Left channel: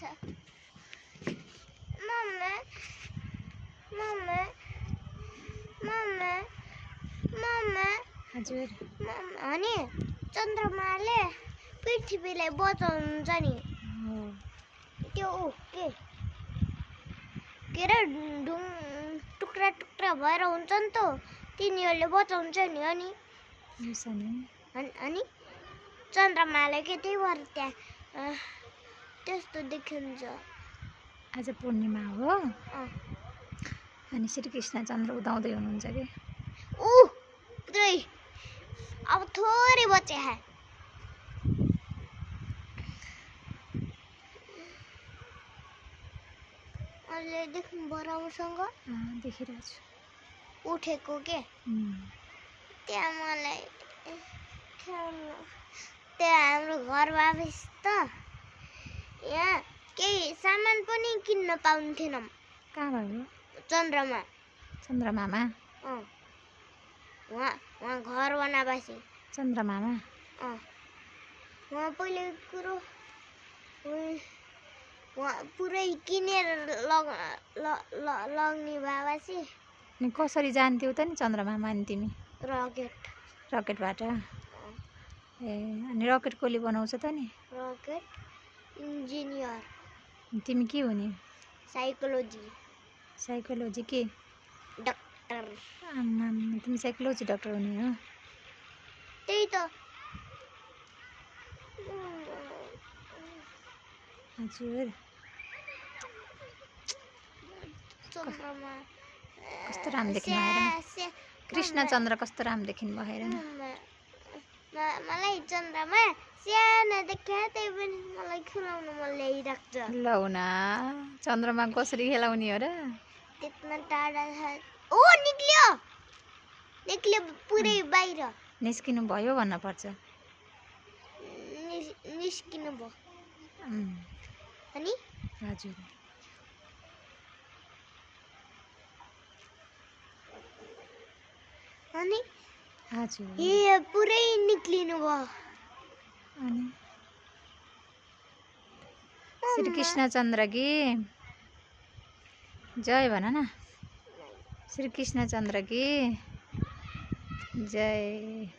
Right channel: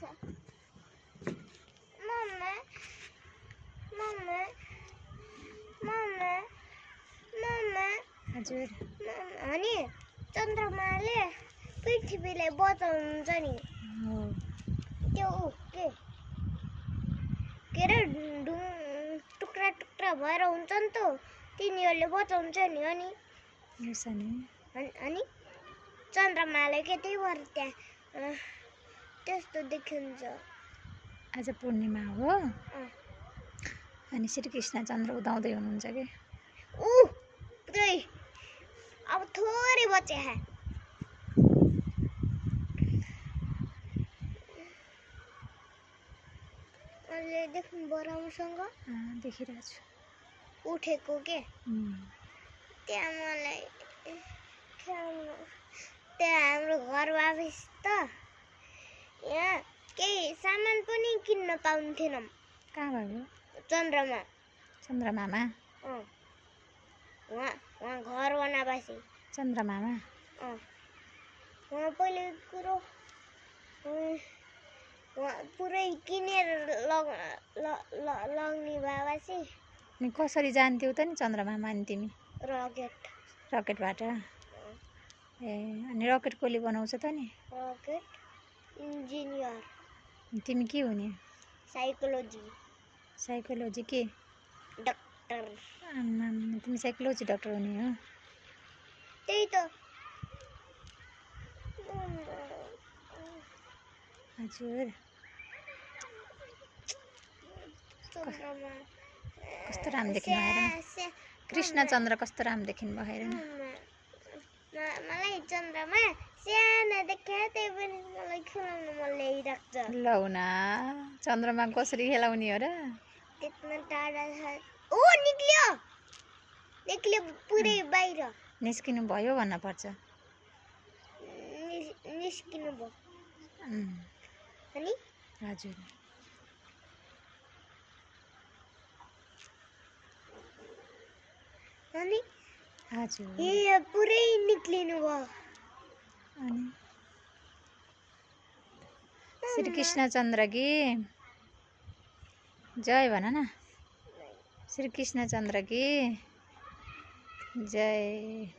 छ mummy mummy mummy mummy हजुर अनि चन्द्रमाले पृथ्वीलाई बचाउनुहुन्छ नि हो त्यो के रे टुक्रा टुक्रा भएर हुन्छ नि त तिनीहरूले बचाउँछ नि अनि अनि चन्द्रमाले के त्यही भएर त्यहाँ त्यस्तो देखिन्छ आज पूर्णिमा हो अनि श्रीकृष्ण चन्द्र उदाउँदै हुनुहुन्छ कि अब थोरै बचे है अहिले देख्नु बराउसँग देखिरहेको छु उठेको के त्यहाँ मलाई त्यहाँ हाम्रो घर वापस त यहाँ केही सामान पनि किन्न पाउँथेनौँ कहाँ भयो चन्द्रमामा वहाँ घर बनाएपछि चन्द्रमामा वहाँ पहिले कुरो वहाँ पुरै किनेर लग्ने भएपछि अनि कसरी जान्थ्यौ त नि चन्द्रमामा अनि तिमी रकेटबाट ए अनि रकेट कसले बनाउँछ त नि रकेट इन्जिनियर तिमी के हुने साइकोलोजी के डाक्टर तिमी साइकोलोजी डाक्टर हुने हो त्यही त हजुर कस्तो राम्रो देखिनु भएर कृष्ण चन्द्र कस्तो राम्रो देखिनु भएर मलाई चन्द्रमा सानो देख्यो त्यही पनि मलाई खेलाउनु मन लागिरहेको छ ल हुना चन्द्रमा कसरी खेलाउने हो र त्यत्रो टाढा छ निक्ल्यो पुरै बाहिर निस्किनु भयो भन्न पर्छ निस्किनु भयो अनि हजुर अनि हजुर ए पुरै निक्लिनु भयो अनि श्रीकृष्ण चन्द्र की जय भन न श्रीकृष्ण चन्द्र की जय